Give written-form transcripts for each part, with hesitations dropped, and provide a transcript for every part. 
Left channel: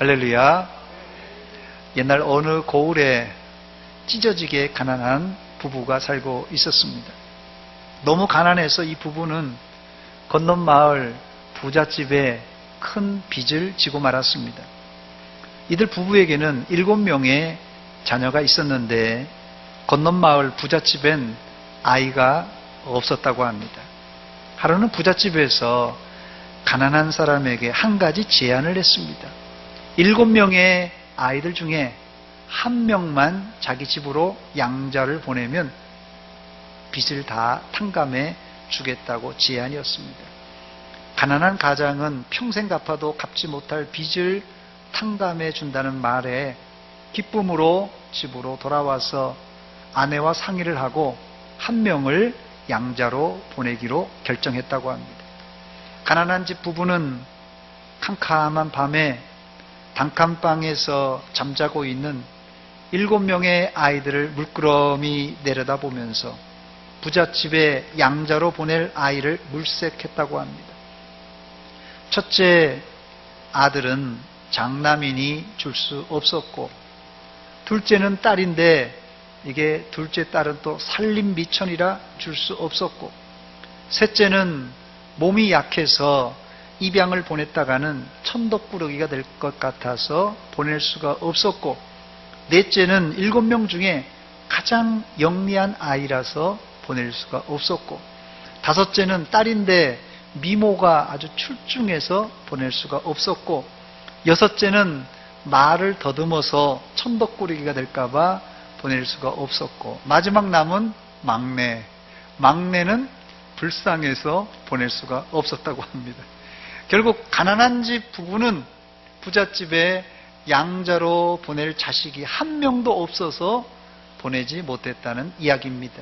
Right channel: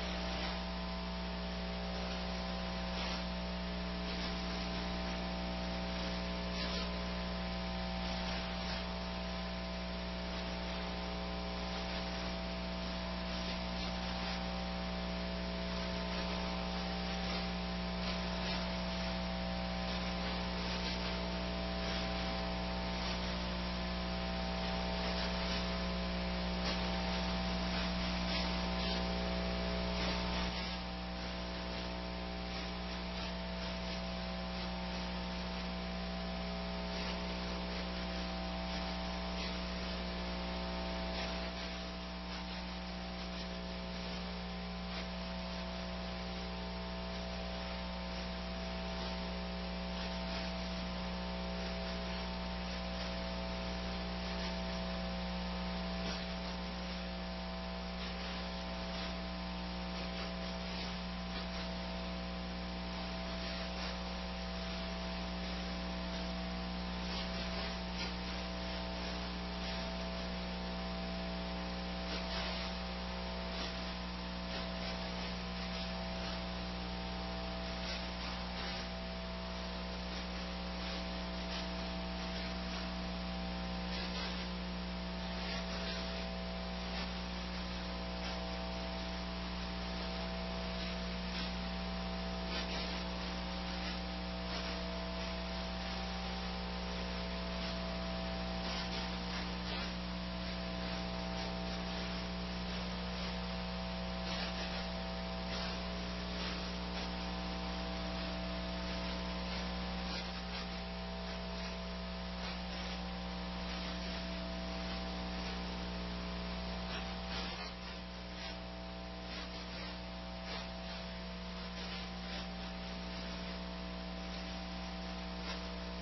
할렐루야. 옛날 어느 고을에 찢어지게 가난한 부부가 살고 있었습니다. 너무 가난해서 이 부부는 건넌 마을 부잣집에 큰 빚을 지고 말았습니다. 이들 부부에게는 7명의 자녀가 있었는데 건넌 마을 부잣집엔 아이가 없었다고 합니다. 하루는 부잣집에서 가난한 사람에게 한 가지 제안을 했습니다. 7명의 아이들 중에 1명만 자기 집으로 양자를 보내면 빚을 다 탕감해 주겠다고 제안이었습니다. 가난한 가장은 평생 갚아도 갚지 못할 빚을 탕감해 준다는 말에 기쁨으로 집으로 돌아와서 아내와 상의를 하고 1명을 양자로 보내기로 결정했다고 합니다. 가난한 집 부부는 캄캄한 밤에 단칸방에서 잠자고 있는 7명의 아이들을 물끄러미 내려다보면서 부잣집에 양자로 보낼 아이를 물색했다고 합니다. 첫째 아들은 장남이니 줄 수 없었고, 둘째는 딸인데 이게 둘째 딸은 또 살림미천이라 줄 수 없었고, 셋째는 몸이 약해서 입양을 보냈다가는 천덕꾸러기가 될 것 같아서 보낼 수가 없었고, 넷째는 7명 중에 가장 영리한 아이라서 보낼 수가 없었고, 다섯째는 딸인데 미모가 아주 출중해서 보낼 수가 없었고, 여섯째는 말을 더듬어서 천덕꾸러기가 될까봐 보낼 수가 없었고, 마지막 남은 막내는 불쌍해서 보낼 수가 없었다고 합니다. 결국 가난한 집 부부는 부잣집에 양자로 보낼 자식이 1명도 없어서 보내지 못했다는 이야기입니다.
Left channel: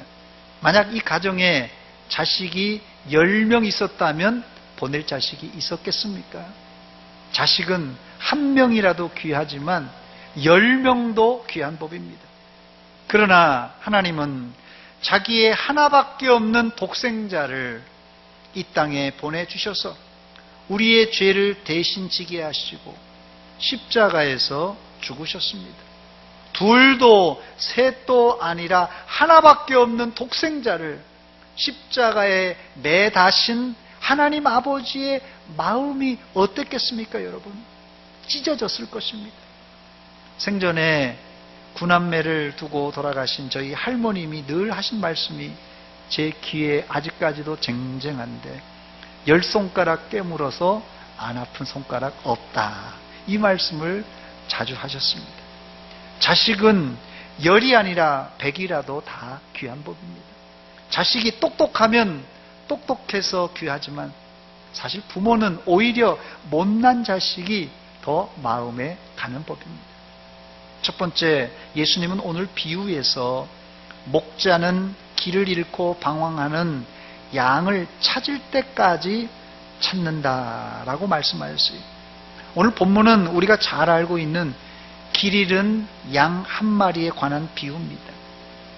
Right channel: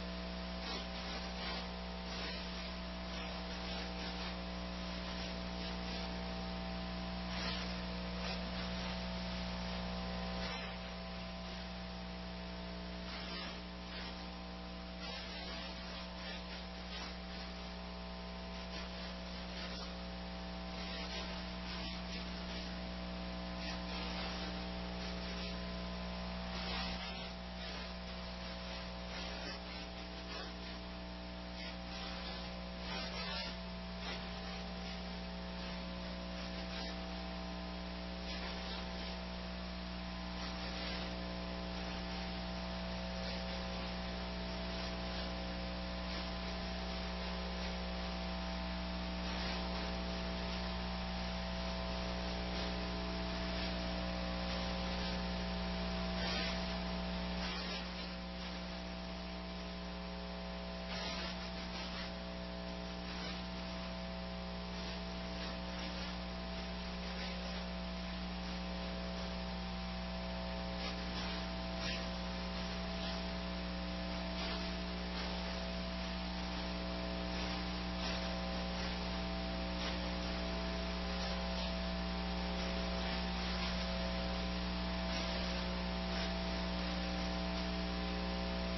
만약 이 가정에 자식이 10명 있었다면 보낼 자식이 있었겠습니까? 자식은 1명이라도 귀하지만 10명도 귀한 법입니다. 그러나 하나님은 자기의 하나밖에 없는 독생자를 이 땅에 보내주셔서 우리의 죄를 대신 지게 하시고 십자가에서 죽으셨습니다. 둘도 셋도 아니라 하나밖에 없는 독생자를 십자가에 매다신 하나님 아버지의 마음이 어땠겠습니까, 여러분? 찢어졌을 것입니다. 생전에 구남매를 두고 돌아가신 저희 할머님이 늘 하신 말씀이 제 귀에 아직까지도 쟁쟁한데, 10손가락 깨물어서 안 아픈 손가락 없다, 이 말씀을 자주 하셨습니다. 자식은 10이 아니라 100이라도 다 귀한 법입니다. 자식이 똑똑하면 똑똑해서 귀하지만 사실 부모는 오히려 못난 자식이 더 마음에 가는 법입니다. 첫 번째, 예수님은 오늘 비유에서 목자는 길을 잃고 방황하는 양을 찾을 때까지 찾는다라고 말씀하셨어요. 오늘 본문은 우리가 잘 알고 있는 길 잃은 양 1마리에 관한 비유입니다.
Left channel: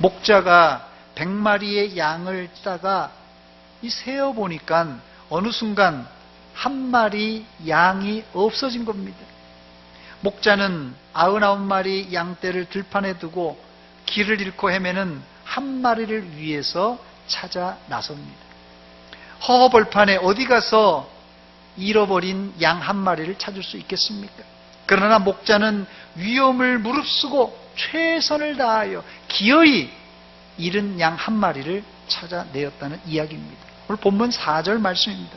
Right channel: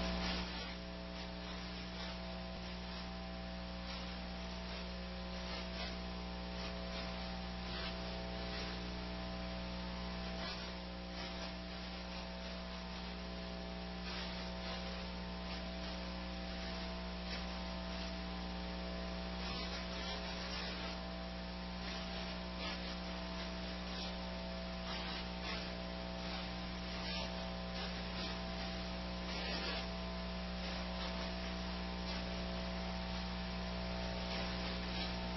목자가 100마리의 양을 따다가 세어보니까 어느 순간 1마리 양이 없어진 겁니다. 목자는 99마리 양떼를 들판에 두고 길을 잃고 헤매는 1마리를 위해서 찾아 나섭니다. 허허벌판에 어디 가서 잃어버린 양 1마리를 찾을 수 있겠습니까? 그러나 목자는 위험을 무릅쓰고 최선을 다하여 기어이 잃은 양 1마리를 찾아내었다는 이야기입니다. 오늘 본문 4절 말씀입니다.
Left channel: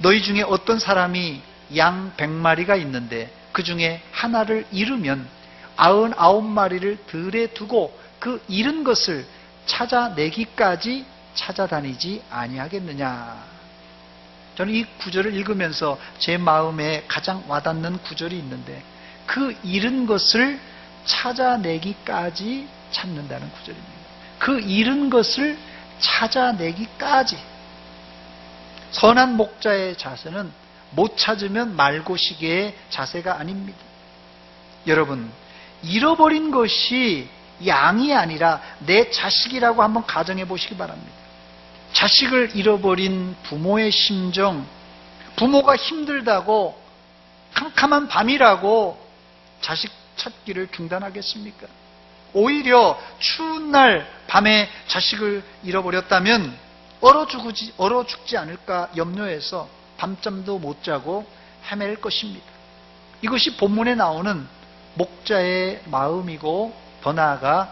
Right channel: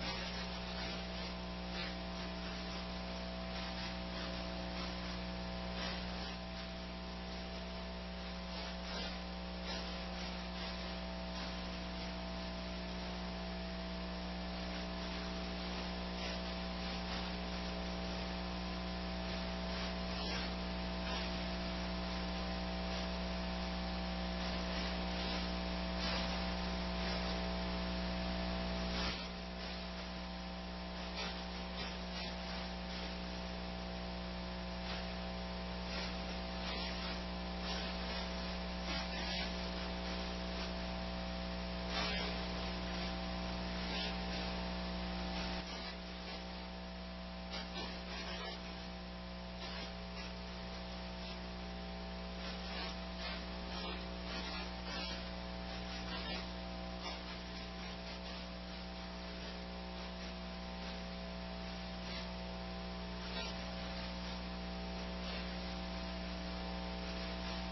너희 중에 어떤 사람이 양 100마리가 있는데 그 중에 하나를 잃으면 99마리를 들에 두고 그 잃은 것을 찾아내기까지 찾아다니지 아니하겠느냐. 저는 이 구절을 읽으면서 제 마음에 가장 와닿는 구절이 있는데, 그 잃은 것을 찾아내기까지 찾는다는 구절입니다. 그 잃은 것을 찾아내기까지. 선한 목자의 자세는 못 찾으면 말고시계의 자세가 아닙니다. 여러분, 잃어버린 것이 양이 아니라 내 자식이라고 한번 가정해 보시기 바랍니다. 자식을 잃어버린 부모의 심정, 부모가 힘들다고 캄캄한 밤이라고 자식 찾기를 중단하겠습니까? 오히려 추운 날 밤에 자식을 잃어버렸다면 얼어 죽지 않을까 염려해서 밤잠도 못 자고 헤맬 것입니다. 이것이 본문에 나오는 목자의 마음이고 더 나아가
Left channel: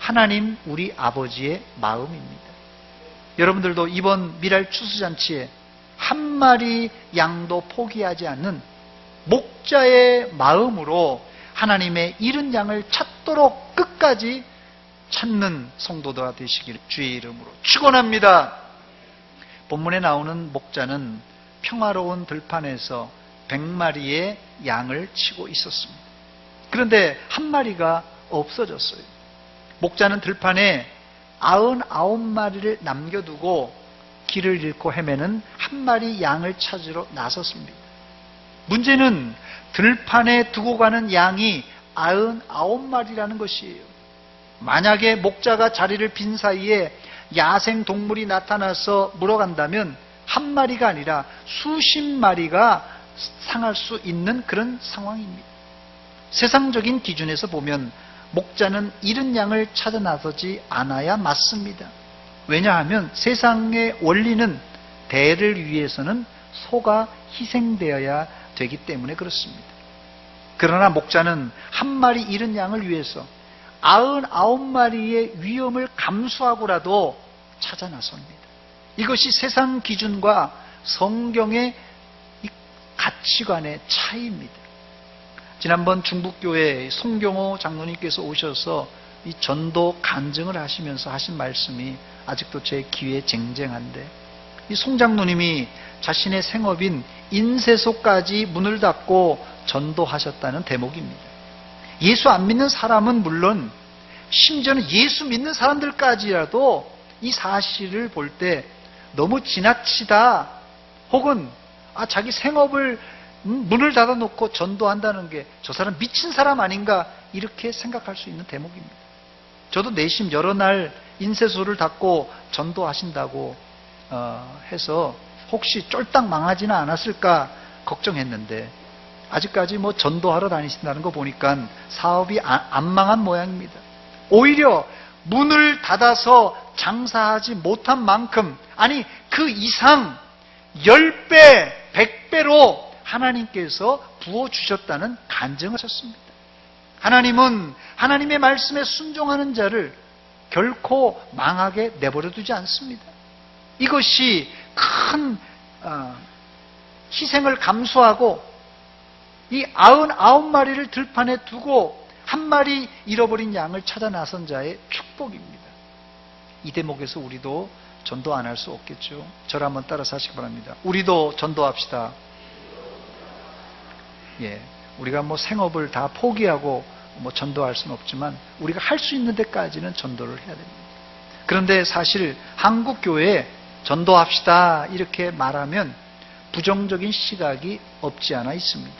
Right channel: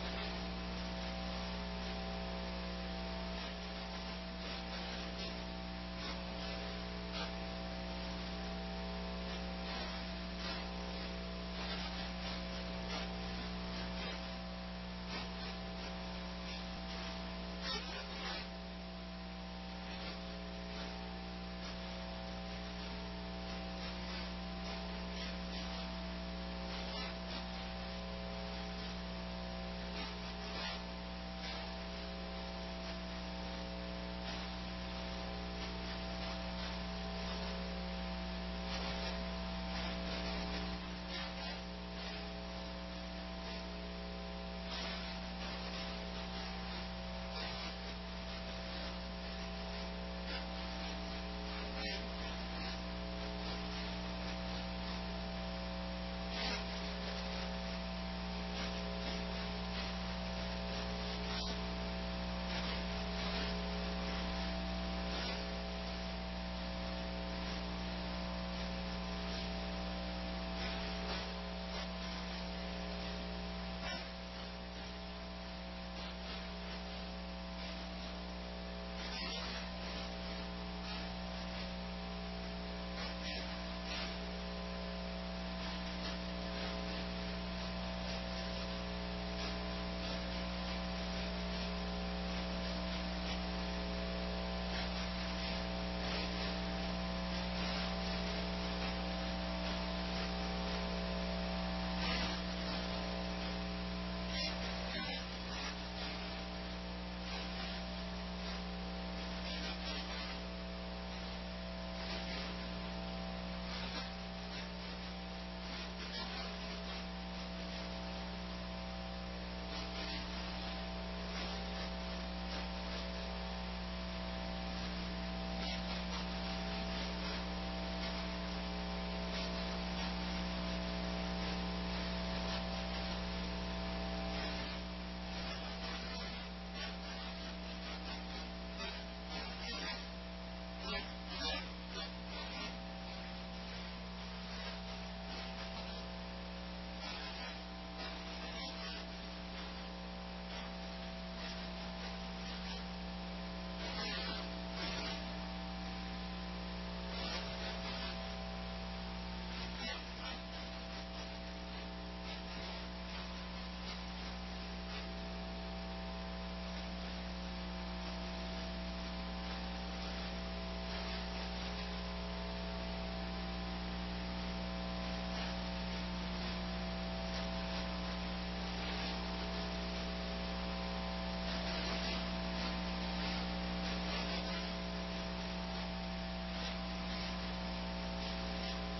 하나님 우리 아버지의 마음입니다. 여러분들도 이번 미랄 추수잔치에 한 마리 양도 포기하지 않는 목자의 마음으로 하나님의 잃은 양을 찾도록 끝까지 찾는 성도들아 되시기를 주의 이름으로 축원합니다. 본문에 나오는 목자는 평화로운 들판에서 100마리의 양을 치고 있었습니다. 그런데 한 마리가 없어졌어요. 목자는 들판에 99마리를 남겨두고 길을 잃고 헤매는 한 마리 양을 찾으러 나섰습니다. 문제는 들판에 두고 가는 양이 99마리라는 것이에요. 만약에 목자가 자리를 빈 사이에 야생 동물이 나타나서 물어간다면 한 마리가 아니라 수십 마리가 상할 수 있는 그런 상황입니다. 세상적인 기준에서 보면 목자는 잃은 양을 찾아 나서지 않아야 맞습니다. 왜냐하면 세상의 원리는 대를 위해서는 소가 희생되어야 되기 때문에 그렇습니다. 그러나 목자는 한 마리 잃은 양을 위해서 99마리의 위험을 감수하고라도 찾아 나섭니다. 이것이 세상 기준과 성경의 가치관의 차이입니다. 지난번 중북교회 송경호 장로님께서 오셔서 이 전도 간증을 하시면서 하신 말씀이 아직도 제 귀에 쟁쟁한데, 이 송 장로님이 자신의 생업인 인쇄소까지 문을 닫고 전도하셨다는 대목입니다. 예수 안 믿는 사람은 물론 심지어는 예수 믿는 사람들까지라도 이 사실을 볼 때 너무 지나치다, 혹은 자기 생업을 문을 닫아놓고 전도한다는 게 저 사람 미친 사람 아닌가, 이렇게 생각할 수 있는 대목입니다. 저도 내심 여러 날 인쇄소를 닫고 전도하신다고 해서 혹시 쫄딱 망하지는 않았을까 걱정했는데, 아직까지 전도하러 다니신다는 거 보니까 사업이 안 망한 모양입니다. 오히려 문을 닫아서 장사하지 못한 만큼, 아니 그 이상 10배, 100배로 하나님께서 부어주셨다는 간증을 하셨습니다. 하나님은 하나님의 말씀에 순종하는 자를 결코 망하게 내버려 두지 않습니다. 이것이 큰 희생을 감수하고 이 99마리를 들판에 두고 한 마리 잃어버린 양을 찾아 나선 자의 축복입니다. 이 대목에서 우리도 전도 안 할 수 없겠죠. 저를 한번 따라서 하시기 바랍니다. 우리도 전도합시다. 우리가 생업을 다 포기하고 전도할 수는 없지만 우리가 할 수 있는 데까지는 전도를 해야 됩니다. 그런데 사실 한국 교회에 전도합시다 이렇게 말하면 부정적인 시각이 없지 않아 있습니다.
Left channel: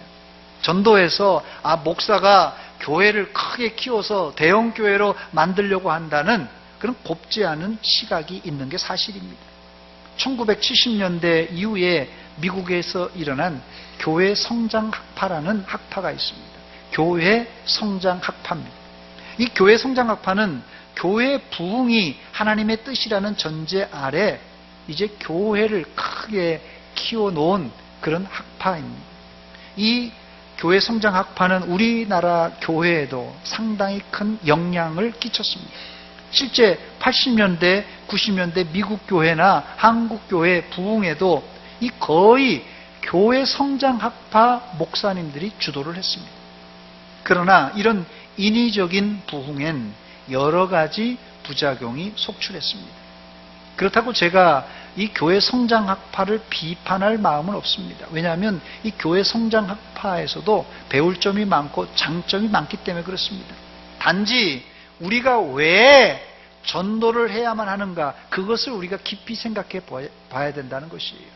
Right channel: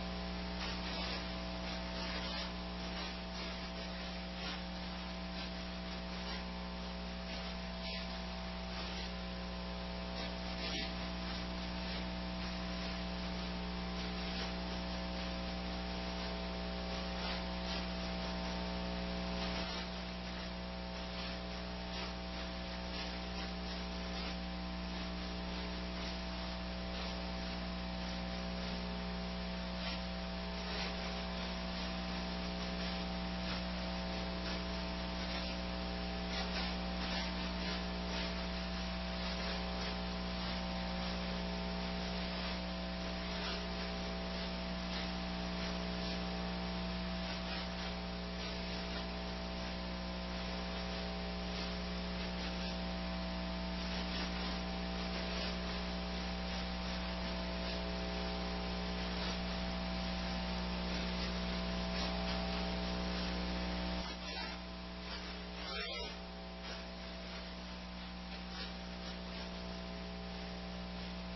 전도해서 목사가 교회를 크게 키워서 대형 교회로 만들려고 한다는 그런 곱지 않은 시각이 있는 게 사실입니다. 1970년대 이후에 미국에서 일어난 교회 성장 학파라는 학파가 있습니다. 교회 성장 학파입니다. 이 교회 성장 학파는 교회 부흥이 하나님의 뜻이라는 전제 아래 이제 교회를 크게 키워놓은 그런 학파입니다. 이 교회 성장 학파는 우리나라 교회에도 상당히 큰 영향을 끼쳤습니다. 실제 80년대, 90년대 미국 교회나 한국 교회 부흥에도 이 거의 교회 성장 학파 목사님들이 주도를 했습니다. 그러나 이런 인위적인 부흥엔 여러 가지 부작용이 속출했습니다. 그렇다고 제가 이 교회 성장 학파를 비판할 마음은 없습니다. 왜냐하면 이 교회 성장 학파에서도 배울 점이 많고 장점이 많기 때문에 그렇습니다. 단지 우리가 왜 전도를 해야만 하는가, 그것을 우리가 깊이 생각해 봐야 된다는 것이에요.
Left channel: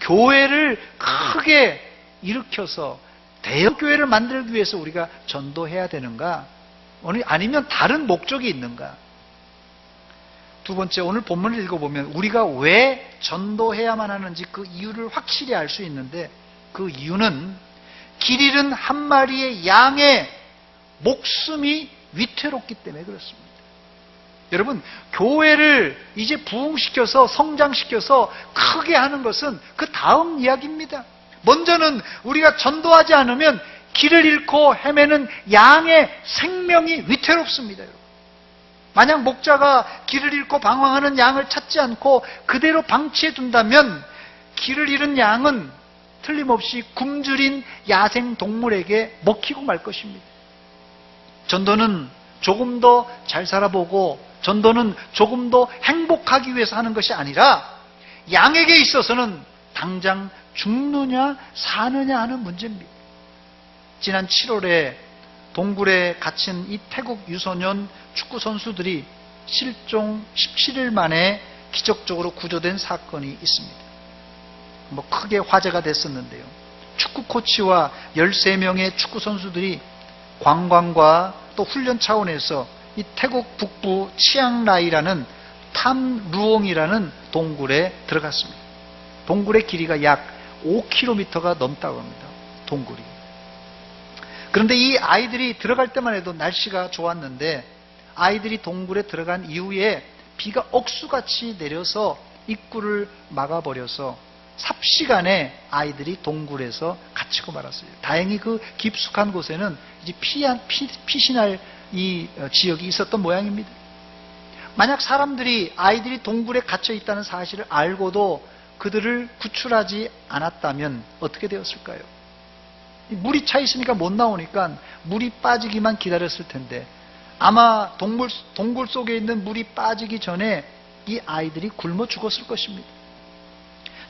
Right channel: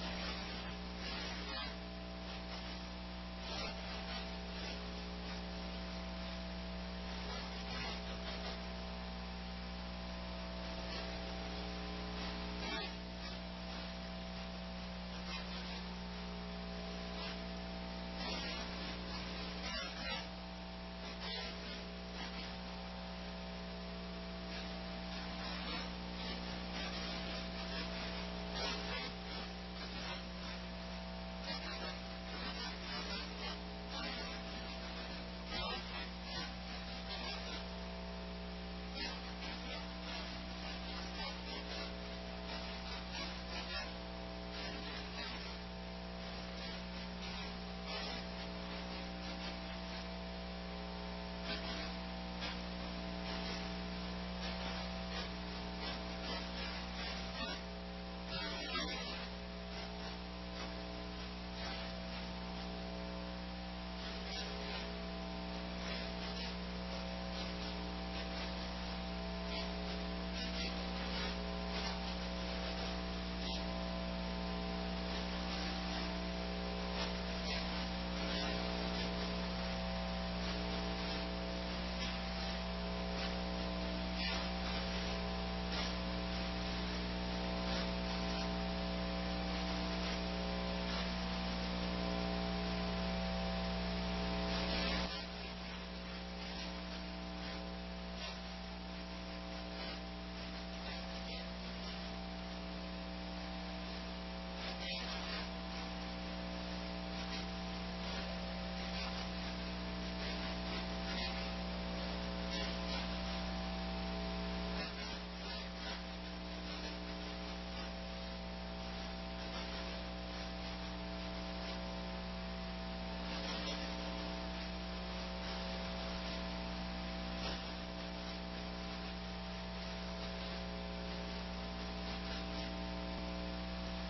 교회를 크게 일으켜서 대형 교회를 만들기 위해서 우리가 전도해야 되는가, 아니면 다른 목적이 있는가? 두 번째, 오늘 본문을 읽어보면 우리가 왜 전도해야만 하는지 그 이유를 확실히 알 수 있는데, 그 이유는 길 잃은 한 마리의 양의 목숨이 위태롭기 때문에 그렇습니다. 여러분, 교회를 이제 부흥시켜서 성장시켜서 크게 하는 것은 그 다음 이야기입니다. 먼저는 우리가 전도하지 않으면 길을 잃고 헤매는 양의 생명이 위태롭습니다. 만약 목자가 길을 잃고 방황하는 양을 찾지 않고 그대로 방치해 둔다면 길을 잃은 양은 틀림없이 굶주린 야생 동물에게 먹히고 말 것입니다. 전도는 조금 더 잘 살아보고 전도는 조금 더 행복하기 위해서 하는 것이 아니라 양에게 있어서는 당장 죽느냐 사느냐 하는 문제입니다. 지난 7월에 동굴에 갇힌 이 태국 유소년 축구 선수들이 실종 17일 만에 기적적으로 구조된 사건이 있습니다. 크게 화제가 됐었는데요. 축구 코치와 13명의 축구 선수들이 관광과 또 훈련 차원에서 이 태국 북부 치앙라이라는 탐루옹이라는 동굴에 들어갔습니다. 동굴의 길이가 약 5km가 넘다고 합니다. 동굴이. 그런데 이 아이들이 들어갈 때만 해도 날씨가 좋았는데 아이들이 동굴에 들어간 이후에 비가 억수같이 내려서 입구를 막아버려서 삽시간에 아이들이 동굴에서 갇히고 말았어요. 다행히 그 깊숙한 곳에는 이제 피신할 이 지역이 있었던 모양입니다. 만약 사람들이 아이들이 동굴에 갇혀 있다는 사실을 알고도 그들을 구출하지 않았다면 어떻게 되었을까요? 물이 차 있으니까 못 나오니까 물이 빠지기만 기다렸을 텐데 아마 동굴 속에 있는 물이 빠지기 전에 이 아이들이 굶어 죽었을 것입니다.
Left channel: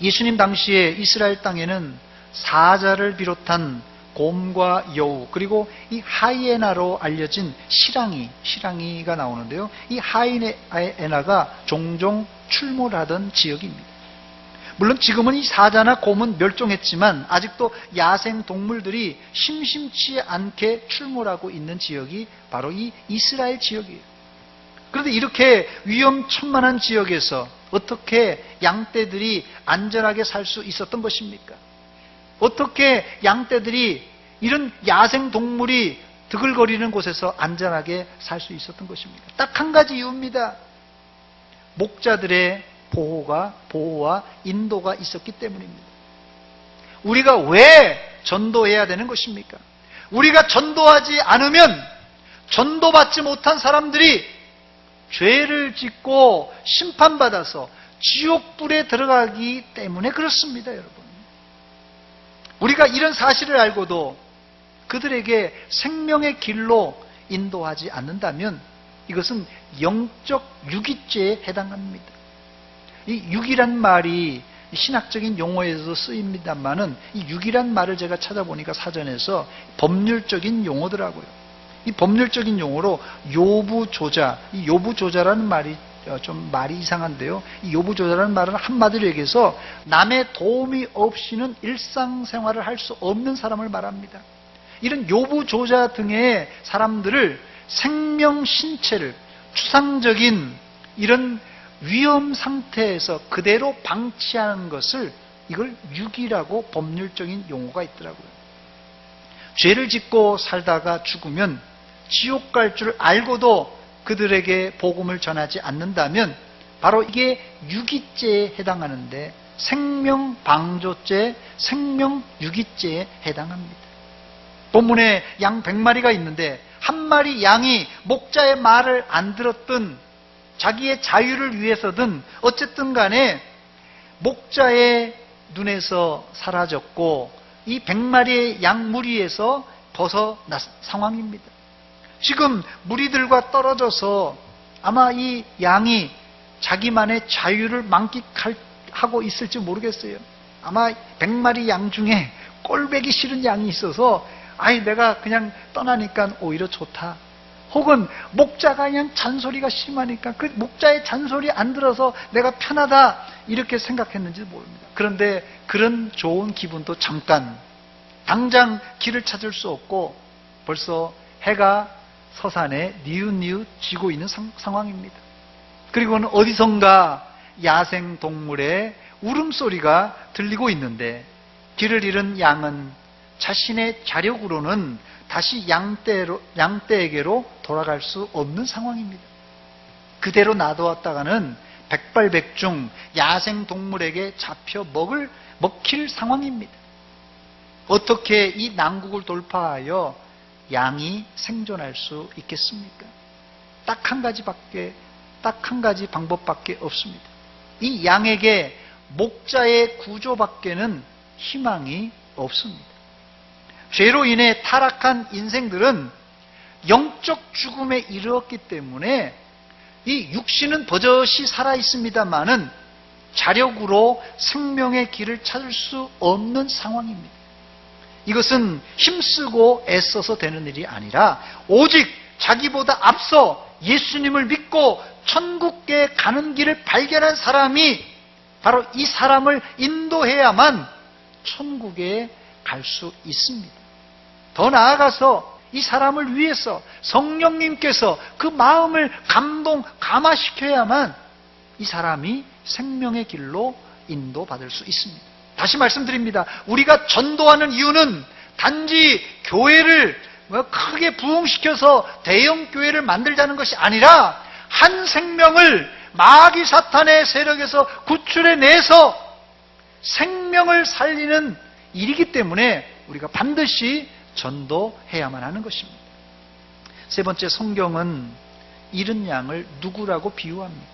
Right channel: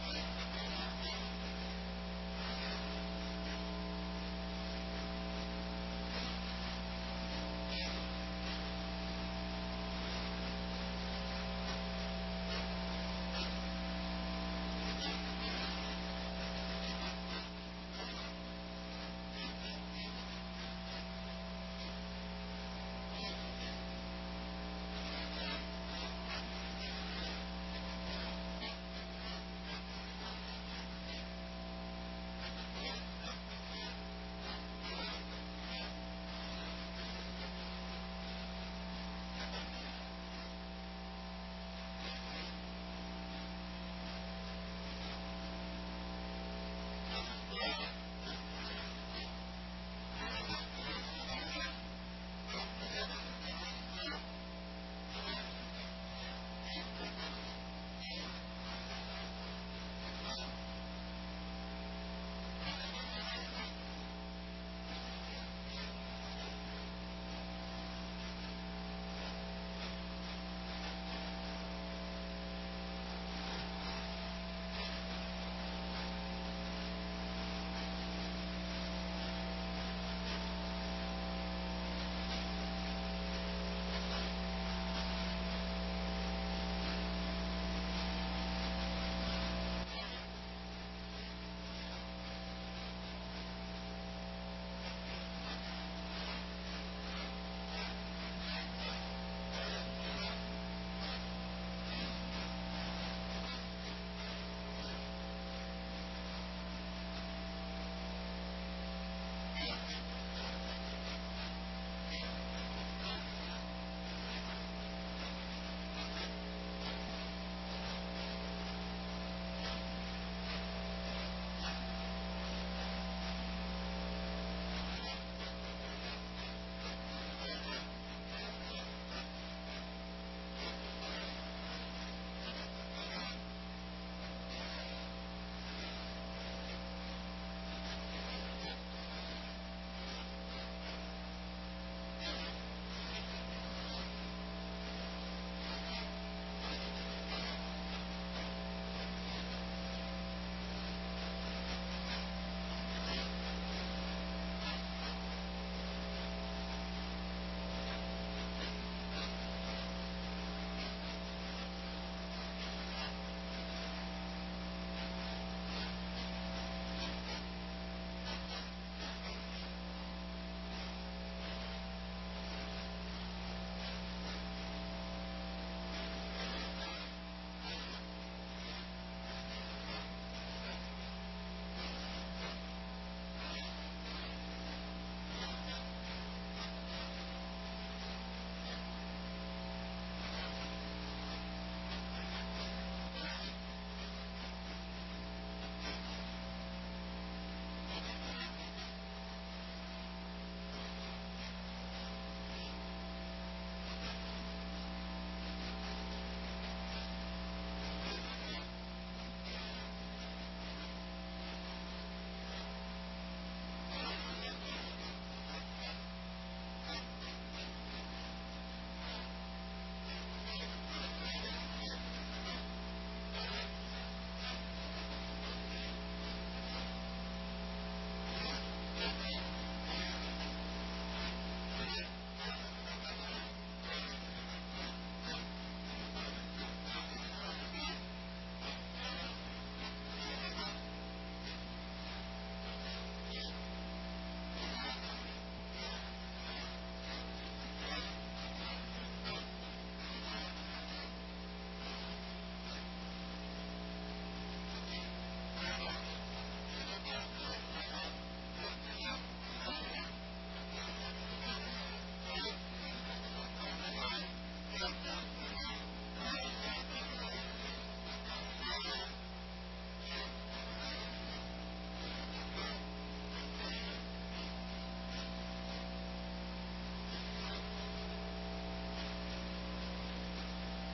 예수님 당시에 이스라엘 땅에는 사자를 비롯한 곰과 여우 그리고 이 하이에나로 알려진 시랑이가 나오는데요. 이 하이에나가 종종 출몰하던 지역입니다. 물론 지금은 이 사자나 곰은 멸종했지만 아직도 야생 동물들이 심심치 않게 출몰하고 있는 지역이 바로 이 이스라엘 지역이에요. 그런데 이렇게 위험천만한 지역에서 어떻게 양떼들이 안전하게 살 수 있었던 것입니까? 어떻게 양떼들이 이런 야생 동물이 드글거리는 곳에서 안전하게 살 수 있었던 것입니까? 딱 한 가지 이유입니다. 목자들의 보호와 인도가 있었기 때문입니다. 우리가 왜 전도해야 되는 것입니까? 우리가 전도하지 않으면 전도받지 못한 사람들이 죄를 짓고 심판받아서 지옥불에 들어가기 때문에 그렇습니다, 여러분. 우리가 이런 사실을 알고도 그들에게 생명의 길로 인도하지 않는다면 이것은 영적 유기죄에 해당합니다. 이 유기란 말이 신학적인 용어에서 쓰입니다만은 이 유기란 말을 제가 찾아보니까 사전에서 법률적인 용어더라고요. 이 법률적인 용어로 요부조자, 이 요부조자라는 말이 좀 말이 이상한데요. 이 요부조자라는 말은 한마디로 얘기해서 남의 도움이 없이는 일상생활을 할 수 없는 사람을 말합니다. 이런 요부조자 등의 사람들을 생명 신체를 추상적인 이런 위험 상태에서 그대로 방치하는 것을 이걸 유기라고 법률적인 용어가 있더라고요. 죄를 짓고 살다가 죽으면 지옥 갈 줄 알고도 그들에게 복음을 전하지 않는다면 바로 이게 유기죄에 해당하는데 생명방조죄, 생명유기죄에 해당합니다. 본문에 양 100마리가 있는데 한 마리 양이 목자의 말을 안 들었든 자기의 자유를 위해서든 어쨌든 간에 목자의 눈에서 사라졌고 이 100마리의 양 무리에서 벗어난 상황입니다. 지금 무리들과 떨어져서 아마 이 양이 자기만의 자유를 만끽하고 있을지 모르겠어요. 아마 100마리 양 중에 꼴배기 싫은 양이 있어서 내가 그냥 떠나니까 오히려 좋다. 혹은 목자가 그냥 잔소리가 심하니까 그 목자의 잔소리 안 들어서 내가 편하다 이렇게 생각했는지 모릅니다. 그런데 그런 좋은 기분도 잠깐, 당장 길을 찾을 수 없고 벌써 해가 서산에 니웃니웃 지고 있는 상황입니다. 그리고는 어디선가 야생 동물의 울음소리가 들리고 있는데 길을 잃은 양은 자신의 자력으로는 다시 양떼에게로 돌아갈 수 없는 상황입니다. 그대로 놔두었다가는 백발백중 야생동물에게 잡혀 먹힐 상황입니다. 어떻게 이 난국을 돌파하여 양이 생존할 수 있겠습니까? 딱 한 가지 방법밖에 없습니다. 이 양에게 목자의 구조밖에는 희망이 없습니다. 죄로 인해 타락한 인생들은 영적 죽음에 이르렀기 때문에 이 육신은 버젓이 살아 있습니다만은 자력으로 생명의 길을 찾을 수 없는 상황입니다. 이것은 힘쓰고 애써서 되는 일이 아니라 오직 자기보다 앞서 예수님을 믿고 천국에 가는 길을 발견한 사람이 바로 이 사람을 인도해야만 천국에 갈 수 있습니다. 더 나아가서 이 사람을 위해서 성령님께서 그 마음을 감화시켜야만 이 사람이 생명의 길로 인도받을 수 있습니다. 다시 말씀드립니다. 우리가 전도하는 이유는 단지 교회를 크게 부흥시켜서 대형 교회를 만들자는 것이 아니라 한 생명을 마귀 사탄의 세력에서 구출해내서 생명을 살리는 일이기 때문에 우리가 반드시 전도해야만 하는 것입니다. 세 번째, 성경은 잃은 양을 누구라고 비유합니까?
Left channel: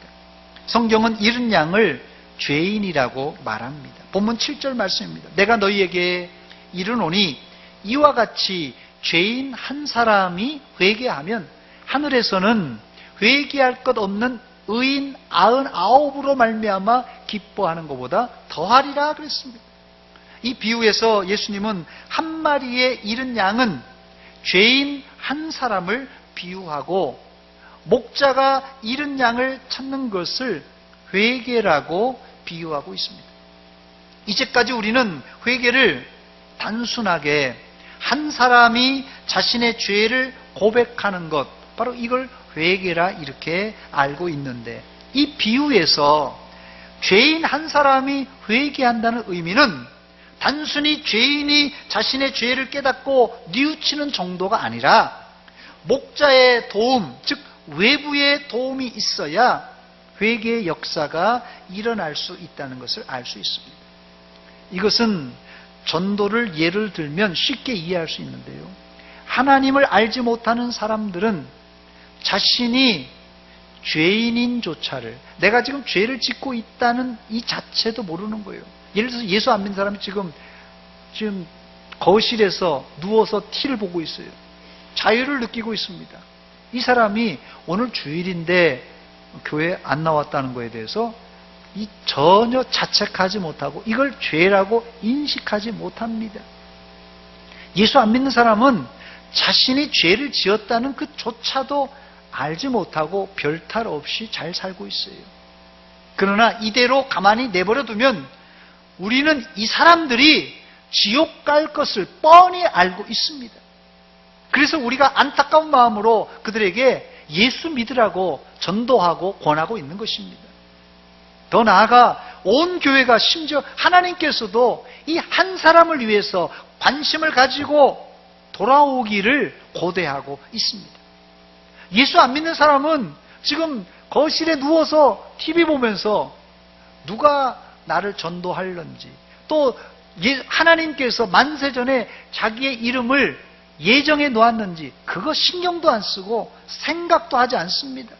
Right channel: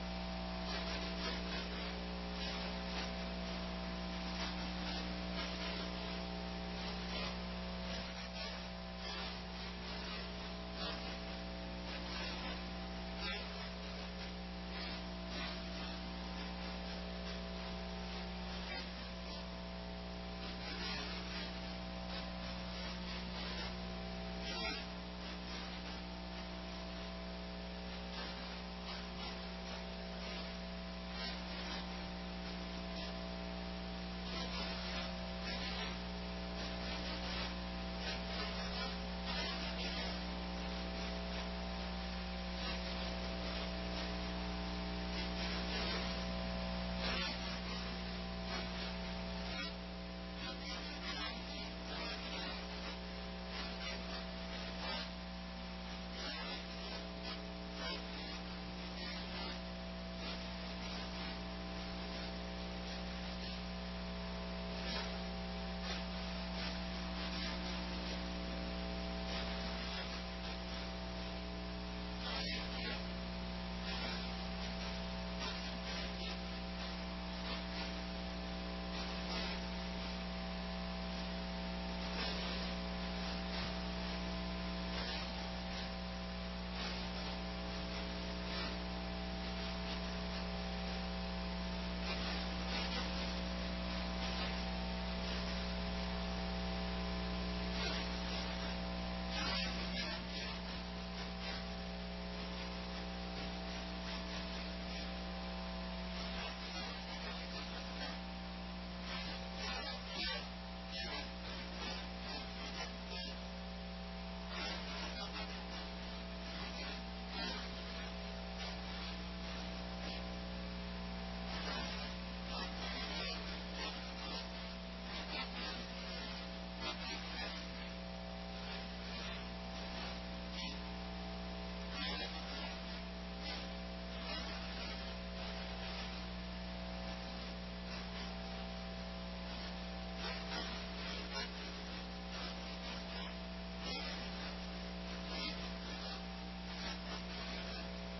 성경은 잃은 양을 죄인이라고 말합니다. 본문 7절 말씀입니다. 내가 너희에게 이르노니 이와 같이 죄인 한 사람이 회개하면 하늘에서는 회개할 것 없는 의인 99으로 말미암아 기뻐하는 것보다 더하리라 그랬습니다. 이 비유에서 예수님은 한 마리의 잃은 양은 죄인 한 사람을 비유하고 목자가 잃은 양을 찾는 것을 회개라고 비유하고 있습니다. 이제까지 우리는 회개를 단순하게 한 사람이 자신의 죄를 고백하는 것, 바로 이걸 회개라 이렇게 알고 있는데, 이 비유에서 죄인 한 사람이 회개한다는 의미는 단순히 죄인이 자신의 죄를 깨닫고 뉘우치는 정도가 아니라 목자의 도움, 즉 외부의 도움이 있어야 회개의 역사가 일어날 수 있다는 것을 알 수 있습니다. 이것은 전도를 예를 들면 쉽게 이해할 수 있는데요, 하나님을 알지 못하는 사람들은 자신이 죄인인조차를, 내가 지금 죄를 짓고 있다는 이 자체도 모르는 거예요. 예를 들어서 예수 안 믿는 사람이 지금 거실에서 누워서 TV를 보고 있어요. 자유를 느끼고 있습니다. 이 사람이 오늘 주일인데 교회 안 나왔다는 것에 대해서 전혀 자책하지 못하고 이걸 죄라고 인식하지 못합니다. 예수 안 믿는 사람은 자신이 죄를 지었다는 그조차도 알지 못하고 별탈 없이 잘 살고 있어요. 그러나 이대로 가만히 내버려 두면 우리는 이 사람들이 지옥 갈 것을 뻔히 알고 있습니다. 그래서 우리가 안타까운 마음으로 그들에게 예수 믿으라고 전도하고 권하고 있는 것입니다. 더 나아가 온 교회가, 심지어 하나님께서도 이 한 사람을 위해서 관심을 가지고 돌아오기를 고대하고 있습니다. 예수 안 믿는 사람은 지금 거실에 누워서 TV 보면서 누가 나를 전도할런지, 또 하나님께서 만세전에 자기의 이름을 예정해 놓았는지 그거 신경도 안 쓰고 생각도 하지 않습니다.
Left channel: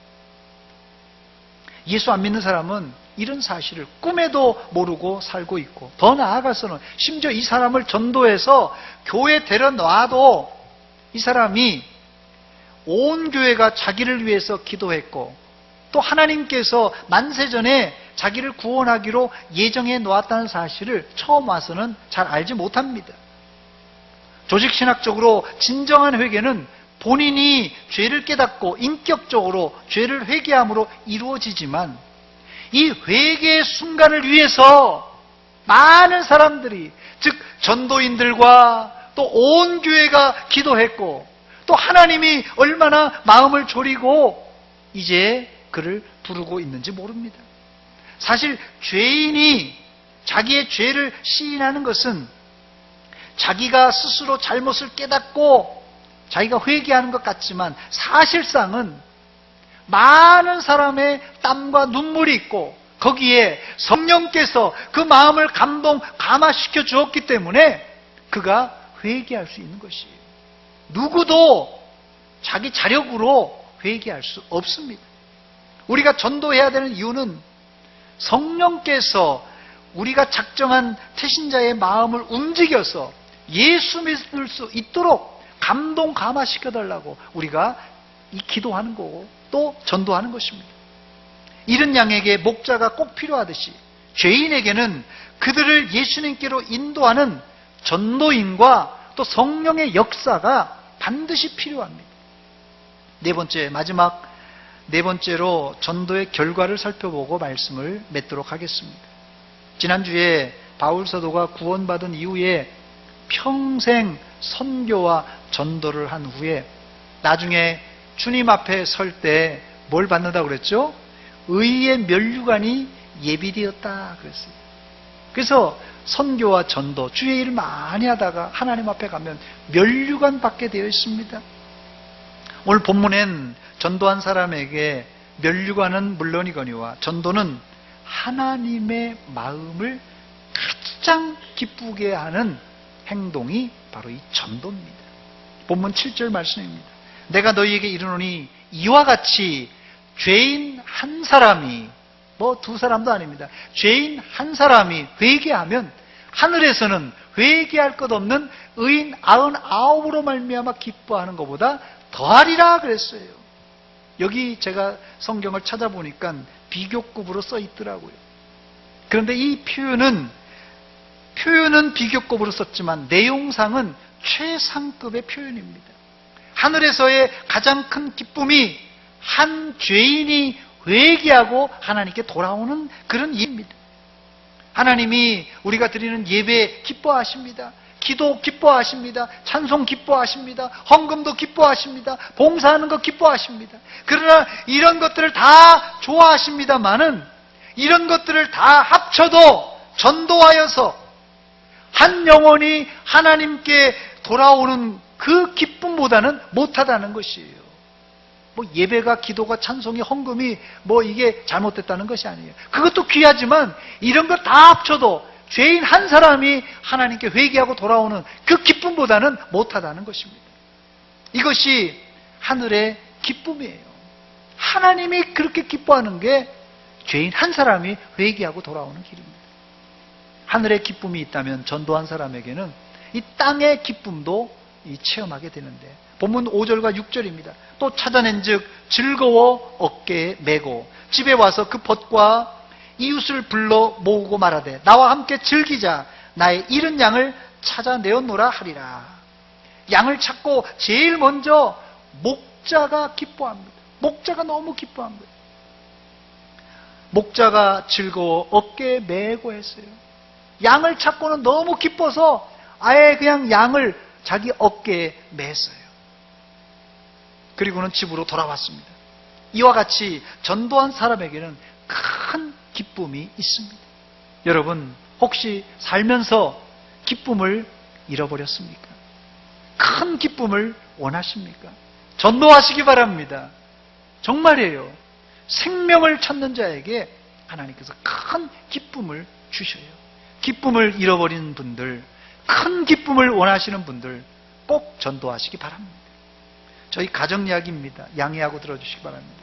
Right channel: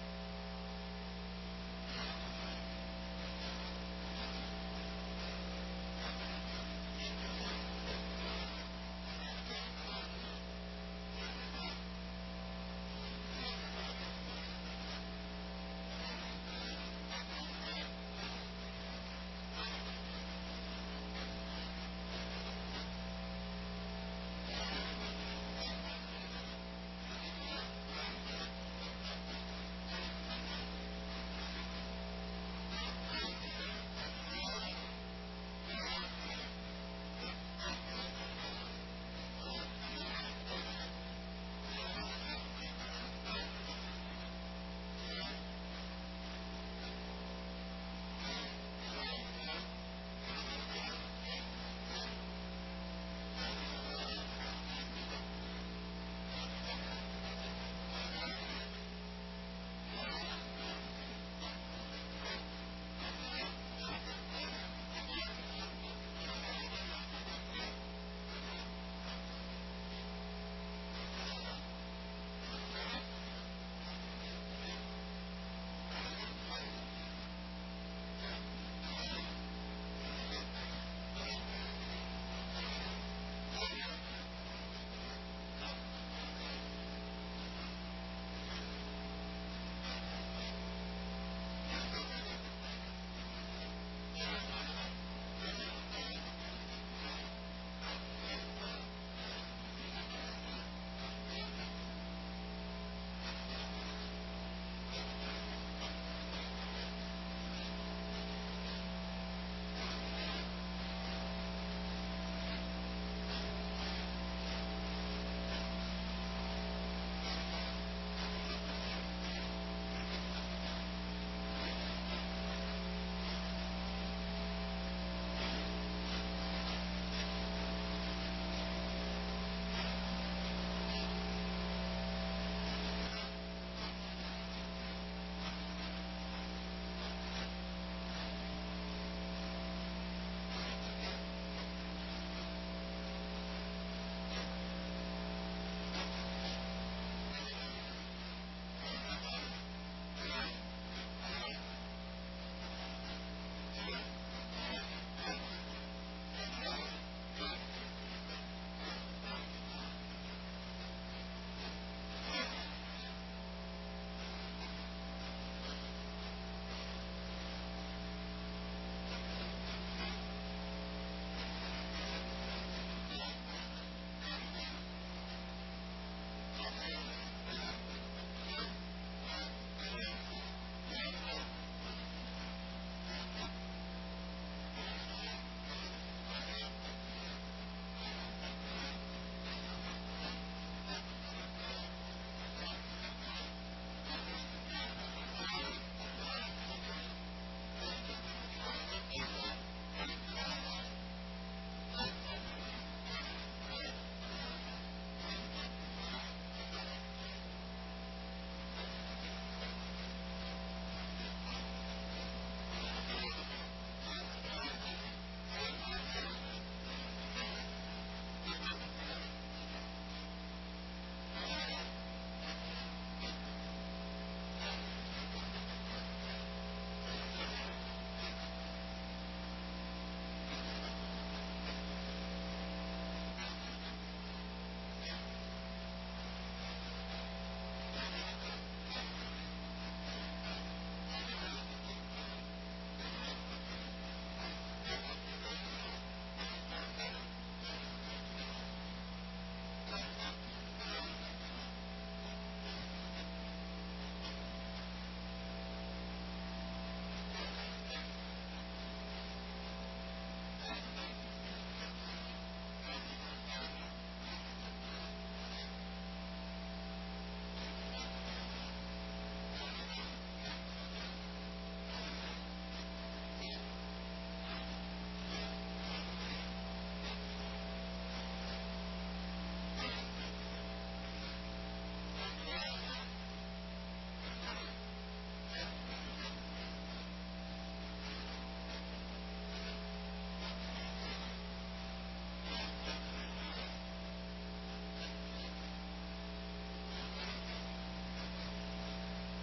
예수 안 믿는 사람은 이런 사실을 꿈에도 모르고 살고 있고, 더 나아가서는 심지어 이 사람을 전도해서 교회 데려놔도 이 사람이 온 교회가 자기를 위해서 기도했고 또 하나님께서 만세전에 자기를 구원하기로 예정해 놓았다는 사실을 처음 와서는 잘 알지 못합니다. 조직신학적으로 진정한 회개는 본인이 죄를 깨닫고 인격적으로 죄를 회개함으로 이루어지지만, 이 회개의 순간을 위해서 많은 사람들이, 즉 전도인들과 또 온 교회가 기도했고 또 하나님이 얼마나 마음을 졸이고 이제 그를 부르고 있는지 모릅니다. 사실 죄인이 자기의 죄를 시인하는 것은 자기가 스스로 잘못을 깨닫고 자기가 회개하는 것 같지만 사실상은 많은 사람의 땀과 눈물이 있고 거기에 성령께서 그 마음을 감화시켜 주었기 때문에 그가 회개할 수 있는 것이에요. 누구도 자기 자력으로 회개할 수 없습니다. 우리가 전도해야 되는 이유는 성령께서 우리가 작정한 태신자의 마음을 움직여서 예수 믿을 수 있도록 감화시켜 달라고 우리가 기도하는 거고 또 전도하는 것입니다. 이른 양에게 목자가 꼭 필요하듯이 죄인에게는 그들을 예수님께로 인도하는 전도인과 또 성령의 역사가 반드시 필요합니다. 네 번째로 전도의 결과를 살펴보고 말씀을 맺도록 하겠습니다. 지난주에 바울 사도가 구원받은 이후에 평생 선교와 전도를 한 후에 나중에 주님 앞에 설 때 뭘 받는다고 그랬죠? 의의 면류관이 예비되었다 그랬어요. 그래서 선교와 전도, 주의 일을 많이 하다가 하나님 앞에 가면 면류관 받게 되어 있습니다. 오늘 본문엔 전도한 사람에게 면류관은 물론이거니와 전도는 하나님의 마음을 가장 기쁘게 하는 행동이 바로 이 전도입니다. 본문 7절 말씀입니다. 내가 너희에게 이르노니 이와 같이 죄인 한 사람이, 두 사람도 아닙니다. 죄인 한 사람이 회개하면 하늘에서는 회개할 것 없는 의인 99으로 말미암아 기뻐하는 것보다 더하리라 그랬어요. 여기 제가 성경을 찾아보니까 비교급으로 써 있더라고요. 그런데 이 표현은 비교급으로 썼지만 내용상은 최상급의 표현입니다. 하늘에서의 가장 큰 기쁨이 한 죄인이 회개하고 하나님께 돌아오는 그런 일입니다. 하나님이 우리가 드리는 예배 기뻐하십니다. 기도 기뻐하십니다. 찬송 기뻐하십니다. 헌금도 기뻐하십니다. 봉사하는 거 기뻐하십니다. 그러나 이런 것들을 다 좋아하십니다마는 이런 것들을 다 합쳐도 전도하여서 한 영혼이 하나님께 돌아오는 그 기쁨보다는 못하다는 것이에요. 예배가, 기도가, 찬송이, 헌금이 이게 잘못됐다는 것이 아니에요. 그것도 귀하지만 이런 것 다 합쳐도 죄인 한 사람이 하나님께 회개하고 돌아오는 그 기쁨보다는 못하다는 것입니다. 이것이 하늘의 기쁨이에요. 하나님이 그렇게 기뻐하는 게 죄인 한 사람이 회개하고 돌아오는 길입니다. 하늘의 기쁨이 있다면 전도한 사람에게는 이 땅의 기쁨도 체험하게 되는데, 본문 5절과 6절입니다. 또 찾아낸 즉 즐거워 어깨에 메고 집에 와서 그 벗과 이웃을 불러 모으고 말하되 나와 함께 즐기자. 나의 잃은 양을 찾아내었노라 하리라. 양을 찾고 제일 먼저 목자가 기뻐합니다. 목자가 너무 기뻐합니다. 목자가 즐거워 어깨에 메고 했어요. 양을 찾고는 너무 기뻐서 아예 그냥 양을 자기 어깨에 맸어요. 그리고는 집으로 돌아왔습니다. 이와 같이 전도한 사람에게는 큰 기쁨이 있습니다. 여러분, 혹시 살면서 기쁨을 잃어버렸습니까? 큰 기쁨을 원하십니까? 전도하시기 바랍니다. 정말이에요. 생명을 찾는 자에게 하나님께서 큰 기쁨을 주셔요. 기쁨을 잃어버린 분들, 큰 기쁨을 원하시는 분들 꼭 전도하시기 바랍니다. 저희 가정 이야기입니다. 양해하고 들어주시기 바랍니다.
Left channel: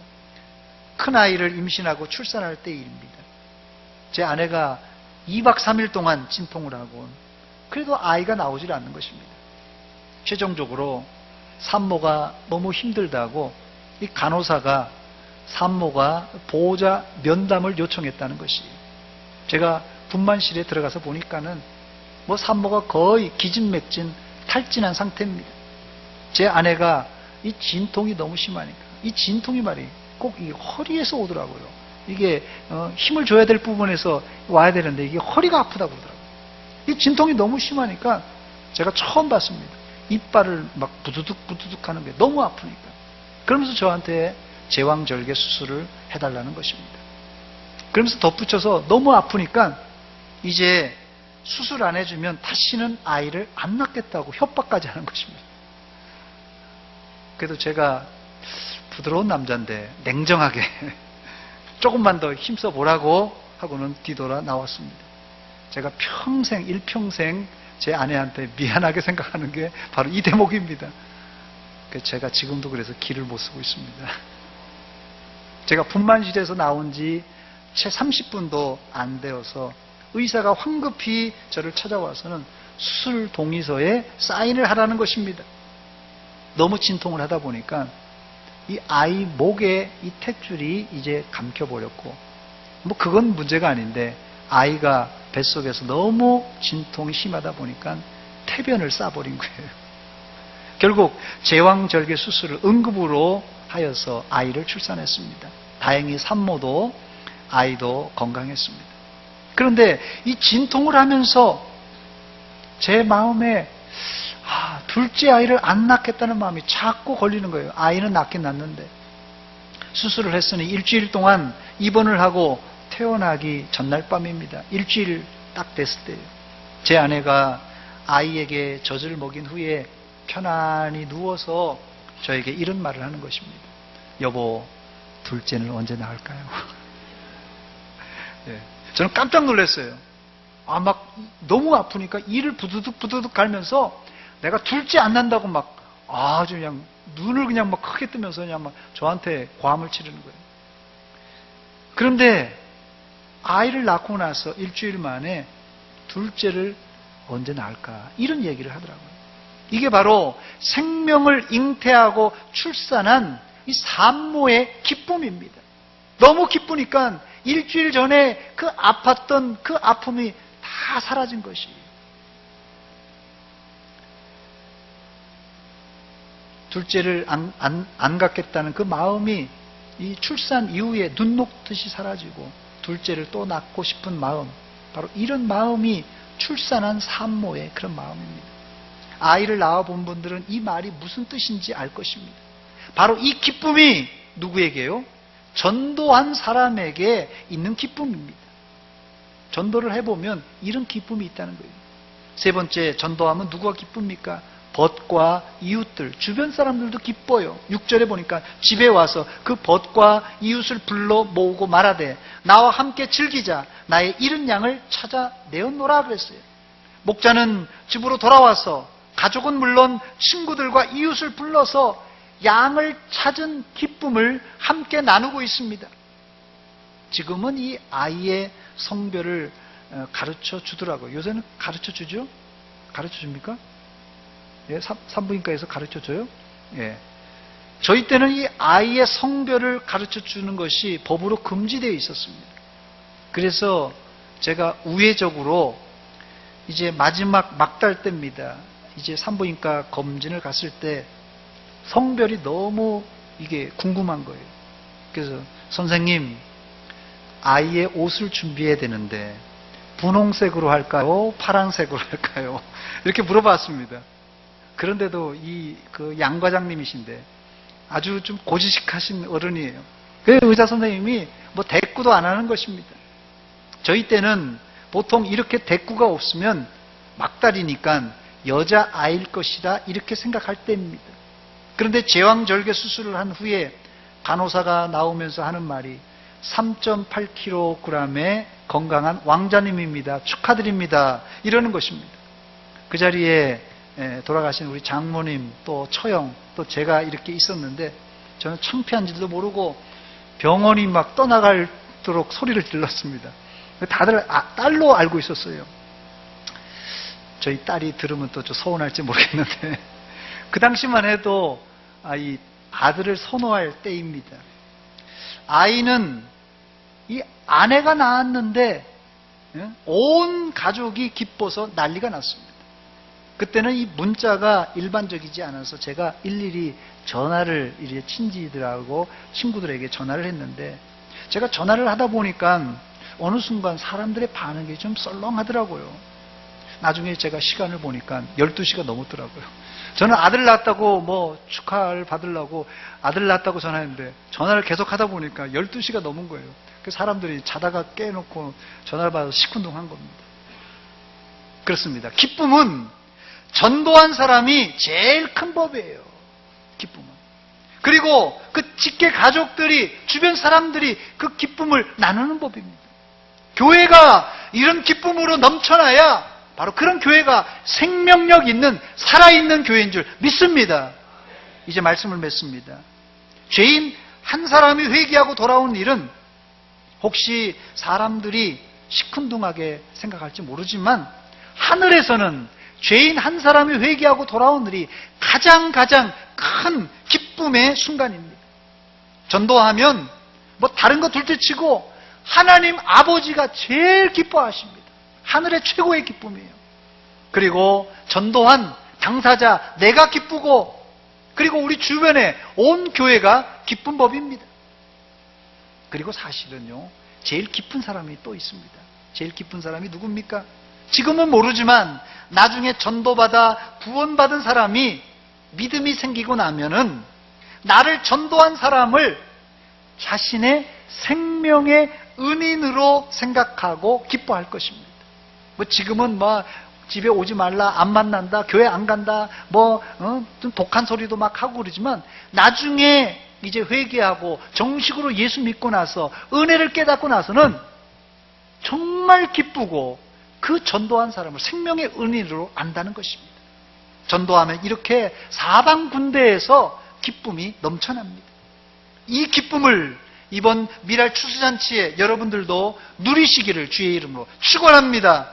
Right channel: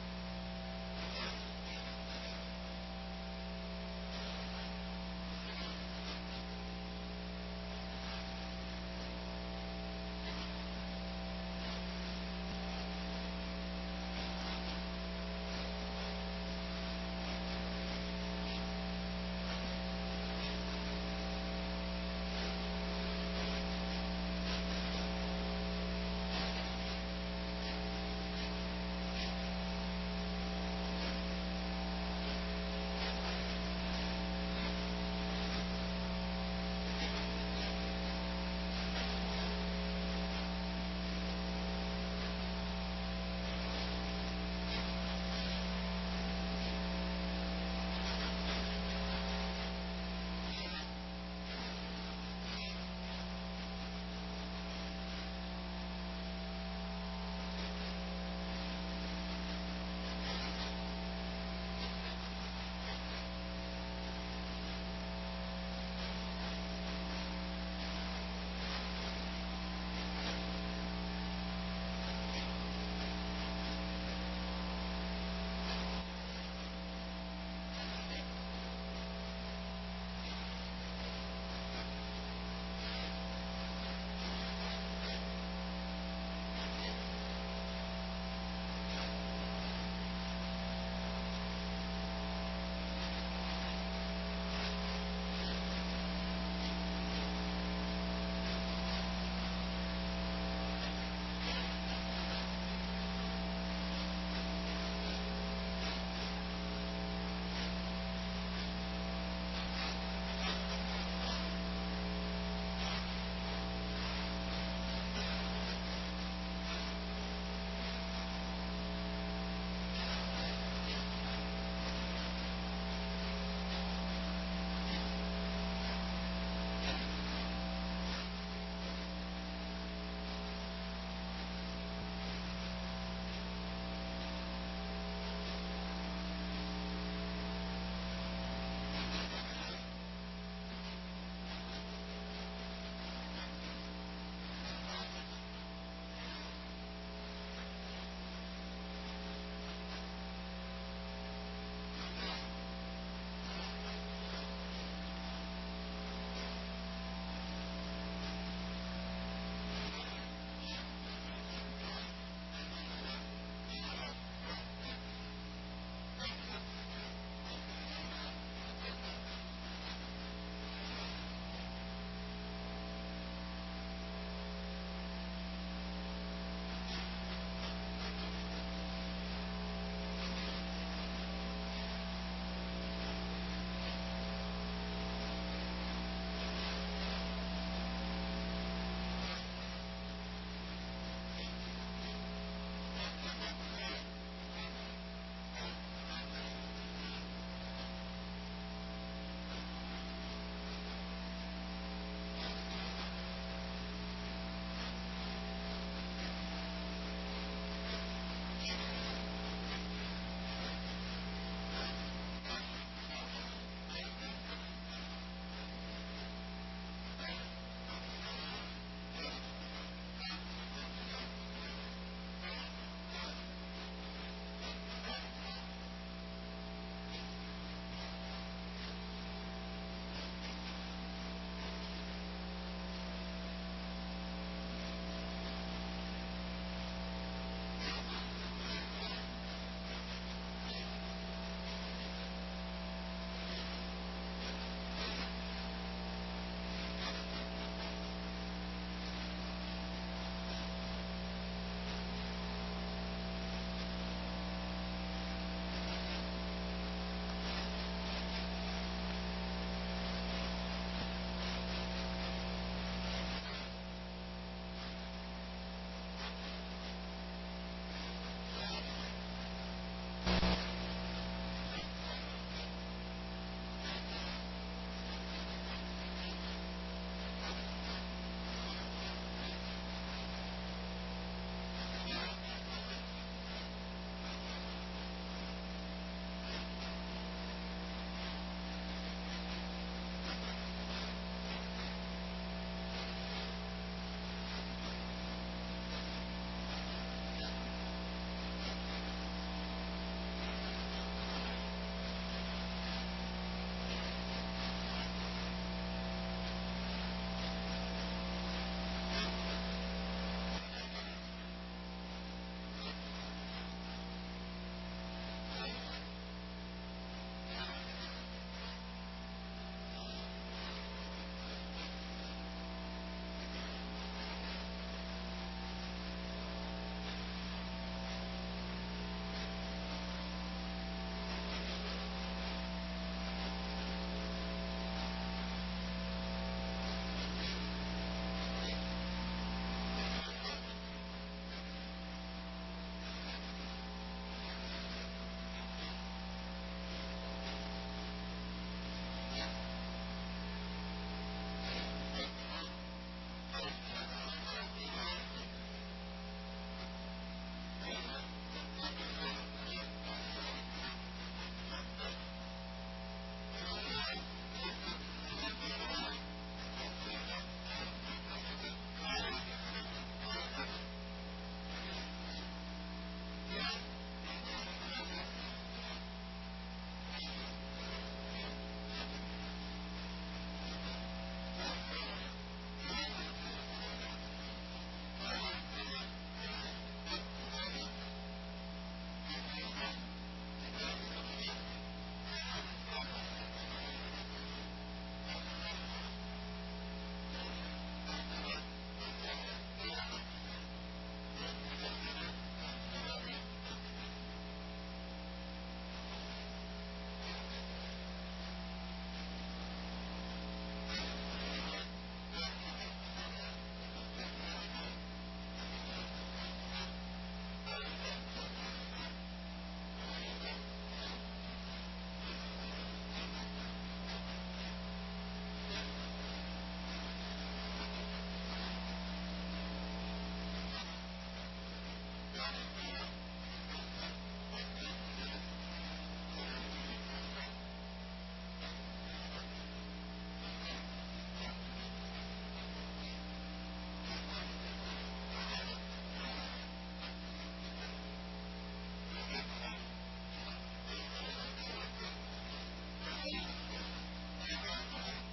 큰아이를 임신하고 출산할 때입니다. 제 아내가 2박 3일 동안 진통을 하고 그래도 아이가 나오질 않는 것입니다. 최종적으로 산모가 너무 힘들다고 이 간호사가 산모가 보호자 면담을 요청했다는 것이에요. 제가 분만실에 들어가서 보니까는 산모가 거의 기진맥진 탈진한 상태입니다. 제 아내가 이 진통이 너무 심하니까 이 진통이 말이에요. 꼭 이 허리에서 오더라고요. 이게 힘을 줘야 될 부분에서 와야 되는데 이게 허리가 아프다고 그러더라고요. 이 진통이 너무 심하니까 제가 처음 봤습니다. 이빨을 막 부두둑 하는 게 너무 아프니까. 그러면서 저한테 제왕절개 수술을 해달라는 것입니다. 그러면서 덧붙여서 너무 아프니까 이제 수술 안 해주면 다시는 아이를 안 낳겠다고 협박까지 하는 것입니다. 그래도 제가 부드러운 남자인데 냉정하게 조금만 더 힘써 보라고 하고는 뒤돌아 나왔습니다. 제가 일평생 제 아내한테 미안하게 생각하는 게 바로 이 대목입니다. 제가 지금도 그래서 기를 못 쓰고 있습니다. 제가 분만실에서 나온 지 채 30분도 안 되어서 의사가 황급히 저를 찾아와서는 수술 동의서에 사인을 하라는 것입니다. 너무 진통을 하다 보니까 이 아이 목에 이 탯줄이 이제 감겨버렸고, 뭐 그건 문제가 아닌데 아이가 뱃속에서 너무 진통이 심하다 보니까 태변을 싸버린 거예요. 결국 제왕절개 수술을 응급으로 하여서 아이를 출산했습니다. 다행히 산모도 아이도 건강했습니다. 그런데 이 진통을 하면서 제 마음에 둘째 아이를 안 낳겠다는 마음이 자꾸 걸리는 거예요. 아이는 낳긴 낳는데 수술을 했으니 일주일 동안 입원을 하고 태어나기 전날 밤입니다. 일주일 딱 됐을 때 제 아내가 아이에게 젖을 먹인 후에 편안히 누워서 저에게 이런 말을 하는 것입니다. 여보, 둘째는 언제 낳을까요? 네, 저는 깜짝 놀랐어요. 막 너무 아프니까 이를 부두둑 갈면서 내가 둘째 안 난다고 막 아주 그냥 눈을 그냥 막 크게 뜨면서 그냥 막 저한테 과음을 치르는 거예요. 그런데 아이를 낳고 나서 일주일 만에 둘째를 언제 낳을까 이런 얘기를 하더라고요. 이게 바로 생명을 잉태하고 출산한 이 산모의 기쁨입니다. 너무 기쁘니까 일주일 전에 그 아팠던 그 아픔이 다 사라진 것이에요. 둘째를 안 갖겠다는 그 마음이 이 출산 이후에 눈 녹듯이 사라지고 둘째를 또 낳고 싶은 마음, 바로 이런 마음이 출산한 산모의 그런 마음입니다. 아이를 낳아본 분들은 이 말이 무슨 뜻인지 알 것입니다. 바로 이 기쁨이 누구에게요? 전도한 사람에게 있는 기쁨입니다. 전도를 해보면 이런 기쁨이 있다는 거예요. 세 번째, 전도하면 누구가 기쁩니까? 벗과 이웃들, 주변 사람들도 기뻐요. 6절에 보니까 집에 와서 그 벗과 이웃을 불러 모으고 말하되 나와 함께 즐기자, 나의 잃은 양을 찾아 내었노라 그랬어요. 목자는 집으로 돌아와서 가족은 물론 친구들과 이웃을 불러서 양을 찾은 기쁨을 함께 나누고 있습니다. 지금은 이 아이의 성별을 가르쳐 주더라고요. 요새는 가르쳐 주죠? 가르쳐 줍니까? 예, 산부인과에서 가르쳐 줘요? 예. 저희 때는 이 아이의 성별을 가르쳐 주는 것이 법으로 금지되어 있었습니다. 그래서 제가 우회적으로 이제 마지막 막달 때입니다. 이제 산부인과 검진을 갔을 때 성별이 너무 이게 궁금한 거예요. 그래서 선생님, 아이의 옷을 준비해야 되는데 분홍색으로 할까요? 파란색으로 할까요? 이렇게 물어봤습니다. 그런데도 그 양 과장님이신데 아주 좀 고지식하신 어른이에요. 그 의사 선생님이 뭐 대꾸도 안 하는 것입니다. 저희 때는 보통 이렇게 대꾸가 없으면 막달이니까 여자 아이일 것이다 이렇게 생각할 때입니다. 그런데 제왕절개 수술을 한 후에 간호사가 나오면서 하는 말이 3.8kg의 건강한 왕자님입니다. 축하드립니다. 이러는 것입니다. 그 자리에 돌아가신 우리 장모님, 또 처형, 또 제가 이렇게 있었는데 저는 창피한지도 모르고 병원이 막 떠나갈도록 소리를 질렀습니다. 다들 딸로 알고 있었어요. 저희 딸이 들으면 또 좀 서운할지 모르겠는데 그 당시만 해도 이 아들을 선호할 때입니다. 아이는 이 아내가 낳았는데 온 가족이 기뻐서 난리가 났습니다. 그때는 이 문자가 일반적이지 않아서 제가 일일이 전화를 이제 친지들하고 친구들에게 전화를 했는데 제가 전화를 하다 보니까 어느 순간 사람들의 반응이 좀 썰렁하더라고요. 나중에 제가 시간을 보니까 12시가 넘었더라고요. 저는 아들 낳았다고 뭐 축하를 받으려고 아들 낳았다고 전화했는데 전화를 계속 하다 보니까 12시가 넘은 거예요. 그 사람들이 자다가 깨놓고 전화를 받아서 시큰둥한 겁니다. 그렇습니다. 기쁨은 전도한 사람이 제일 큰 법이에요. 기쁨은. 그리고 그 직계 가족들이, 주변 사람들이 그 기쁨을 나누는 법입니다. 교회가 이런 기쁨으로 넘쳐나야 바로 그런 교회가 생명력 있는, 살아있는 교회인 줄 믿습니다. 이제 말씀을 맺습니다. 죄인 한 사람이 회개하고 돌아온 일은 혹시 사람들이 시큰둥하게 생각할지 모르지만 하늘에서는 죄인 한 사람이 회개하고 돌아온 일이 가장 큰 기쁨의 순간입니다. 전도하면 뭐 다른 거 둘째치고 하나님 아버지가 제일 기뻐하십니다. 하늘의 최고의 기쁨이에요. 그리고 전도한 당사자 내가 기쁘고, 그리고 우리 주변에 온 교회가 기쁜 법입니다. 그리고 사실은요, 제일 기쁜 사람이 또 있습니다. 제일 기쁜 사람이 누굽니까? 지금은 모르지만 나중에 전도받아 구원받은 사람이 믿음이 생기고 나면은 나를 전도한 사람을 자신의 생명의 은인으로 생각하고 기뻐할 것입니다. 뭐 지금은 뭐 집에 오지 말라, 안 만난다, 교회 안 간다, 좀 독한 소리도 막 하고 그러지만 나중에 이제 회개하고 정식으로 예수 믿고 나서 은혜를 깨닫고 나서는 정말 기쁘고 그 전도한 사람을 생명의 은인으로 안다는 것입니다. 전도하면 이렇게 사방 군데에서 기쁨이 넘쳐납니다. 이 기쁨을 이번 미랄 추수잔치에 여러분들도 누리시기를 주의 이름으로 축원합니다.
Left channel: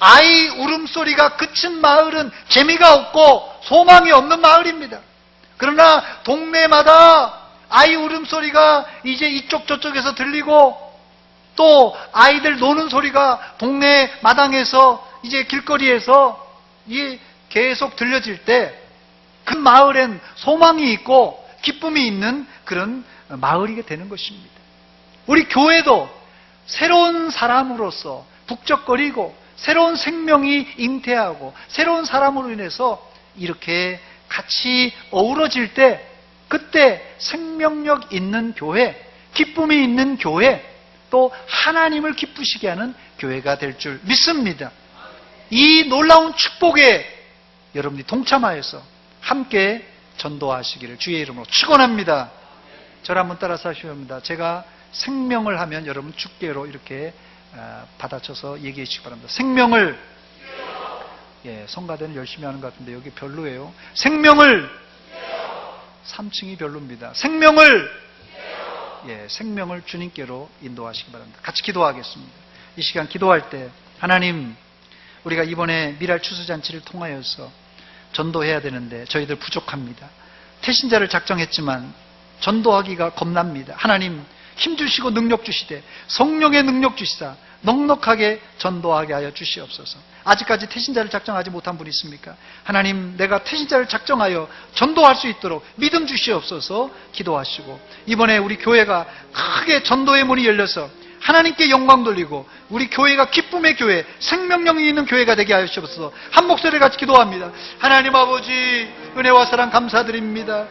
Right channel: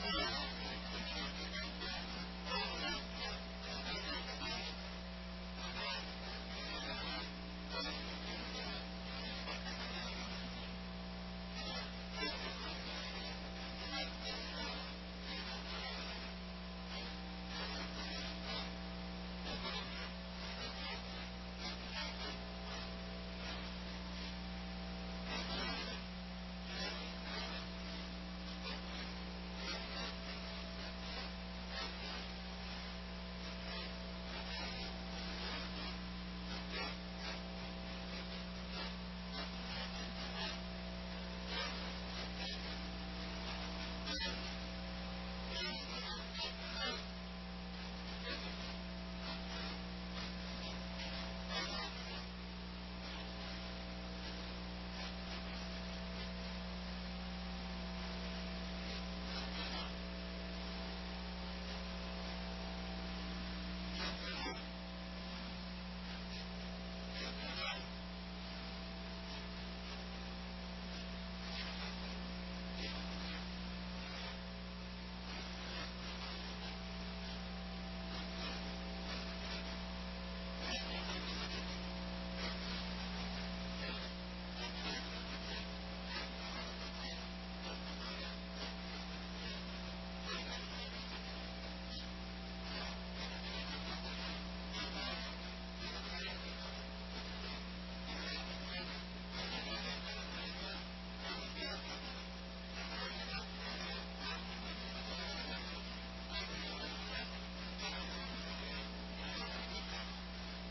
아이 울음소리가 그친 마을은 재미가 없고 소망이 없는 마을입니다. 그러나 동네마다 아이 울음소리가 이제 이쪽 저쪽에서 들리고 또 아이들 노는 소리가 동네 마당에서 이제 길거리에서 계속 들려질 때 그 마을엔 소망이 있고 기쁨이 있는 그런 마을이 되는 것입니다. 우리 교회도 새로운 사람으로서 북적거리고 새로운 생명이 잉태하고 새로운 사람으로 인해서 이렇게 같이 어우러질 때 그때 생명력 있는 교회, 기쁨이 있는 교회, 또 하나님을 기쁘시게 하는 교회가 될 줄 믿습니다. 이 놀라운 축복에 여러분이 동참하여서 함께 전도하시기를 주의 이름으로 축원합니다. 저를 한번 따라서 하셔야 합니다. 제가 생명을 하면 여러분 축계로 이렇게 받아쳐서 얘기해 주시기 바랍니다. 생명을, 성가대는 열심히 하는 것 같은데 여기 별로예요. 생명을, 3층이 별로입니다. 생명을, 생명을 주님께로 인도하시기 바랍니다. 같이 기도하겠습니다. 이 시간 기도할 때 하나님, 우리가 이번에 미랄 추수잔치를 통하여서 전도해야 되는데 저희들 부족합니다. 태신자를 작정했지만 전도하기가 겁납니다. 하나님 힘주시고 능력 주시되 성령의 능력 주시사 넉넉하게 전도하게 하여 주시옵소서. 아직까지 태신자를 작정하지 못한 분이 있습니까? 하나님, 내가 태신자를 작정하여 전도할 수 있도록 믿음 주시옵소서 기도하시고, 이번에 우리 교회가 크게 전도의 문이 열려서 하나님께 영광 돌리고 우리 교회가 기쁨의 교회, 생명력이 있는 교회가 되게 하여 주옵소서. 한 목소리 같이 기도합니다. 하나님 아버지, 은혜와 사랑 감사드립니다.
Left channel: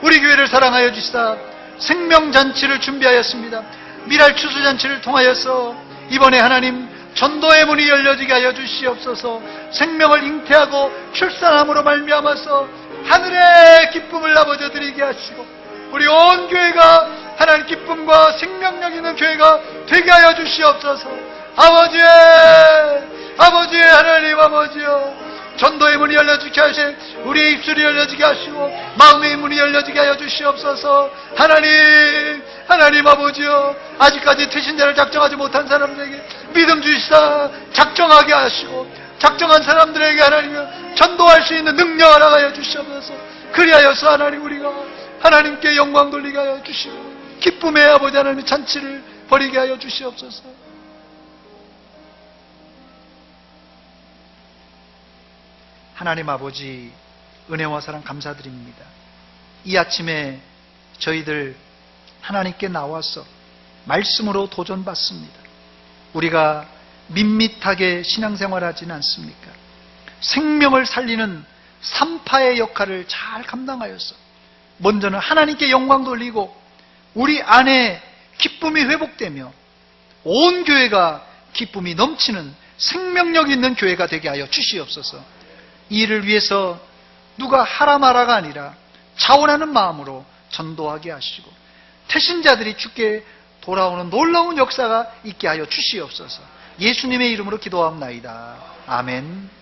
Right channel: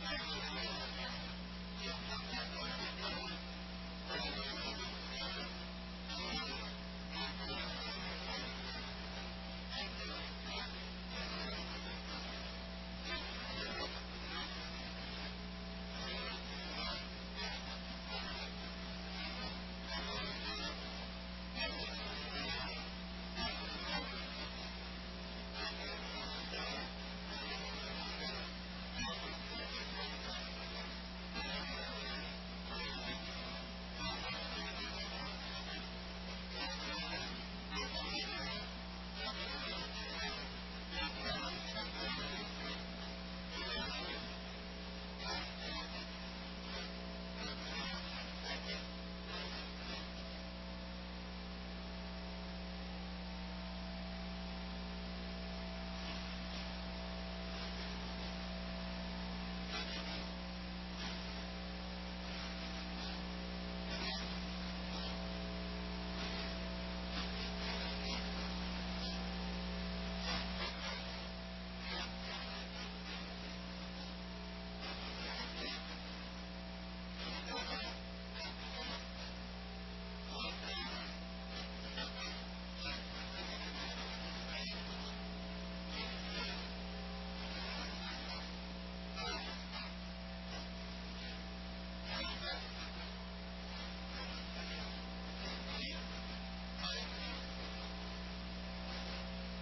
우리 교회를 사랑하여 주시사 생명잔치를 준비하였습니다. 미랄 추수잔치를 통하여서 이번에 하나님 전도의 문이 열려지게 하여 주시옵소서. 생명을 잉태하고 출산함으로 말미암아서 하늘의 기쁨을 아버지 드리게 하시고 우리 온 교회가 하나님 기쁨과 생명력 있는 교회가 되게 하여 주시옵소서. 아버지의 하나님 아버지여, 전도의 문이 열려지게 하시고 우리의 입술이 열려지게 하시고 마음의 문이 열려지게 하여 주시옵소서. 하나님 아버지여, 아직까지 태신자를 작정하지 못한 사람들에게 믿음 주시사 작정하게 하시고 작정한 사람들에게 하나님 전도할 수 있는 능력 알아가여 주시옵소서. 그리하여서 하나님, 우리가 하나님께 영광 돌리게 하여 주시고 기쁨의 아버지 하나님의 잔치를 벌이게 하여 주시옵소서. 하나님 아버지, 은혜와 사랑 감사드립니다. 이 아침에 저희들 하나님께 나와서 말씀으로 도전받습니다. 우리가 밋밋하게 신앙생활하지는 않습니까? 생명을 살리는 산파의 역할을 잘 감당하여서 먼저는 하나님께 영광 돌리고 우리 안에 기쁨이 회복되며 온 교회가 기쁨이 넘치는 생명력 있는 교회가 되게 하여 주시옵소서. 이를 위해서 누가 하라 마라가 아니라 자원하는 마음으로 전도하게 하시고 태신자들이 주께 돌아오는 놀라운 역사가 있게 하여 주시옵소서. 예수님의 이름으로 기도하옵나이다. 아멘.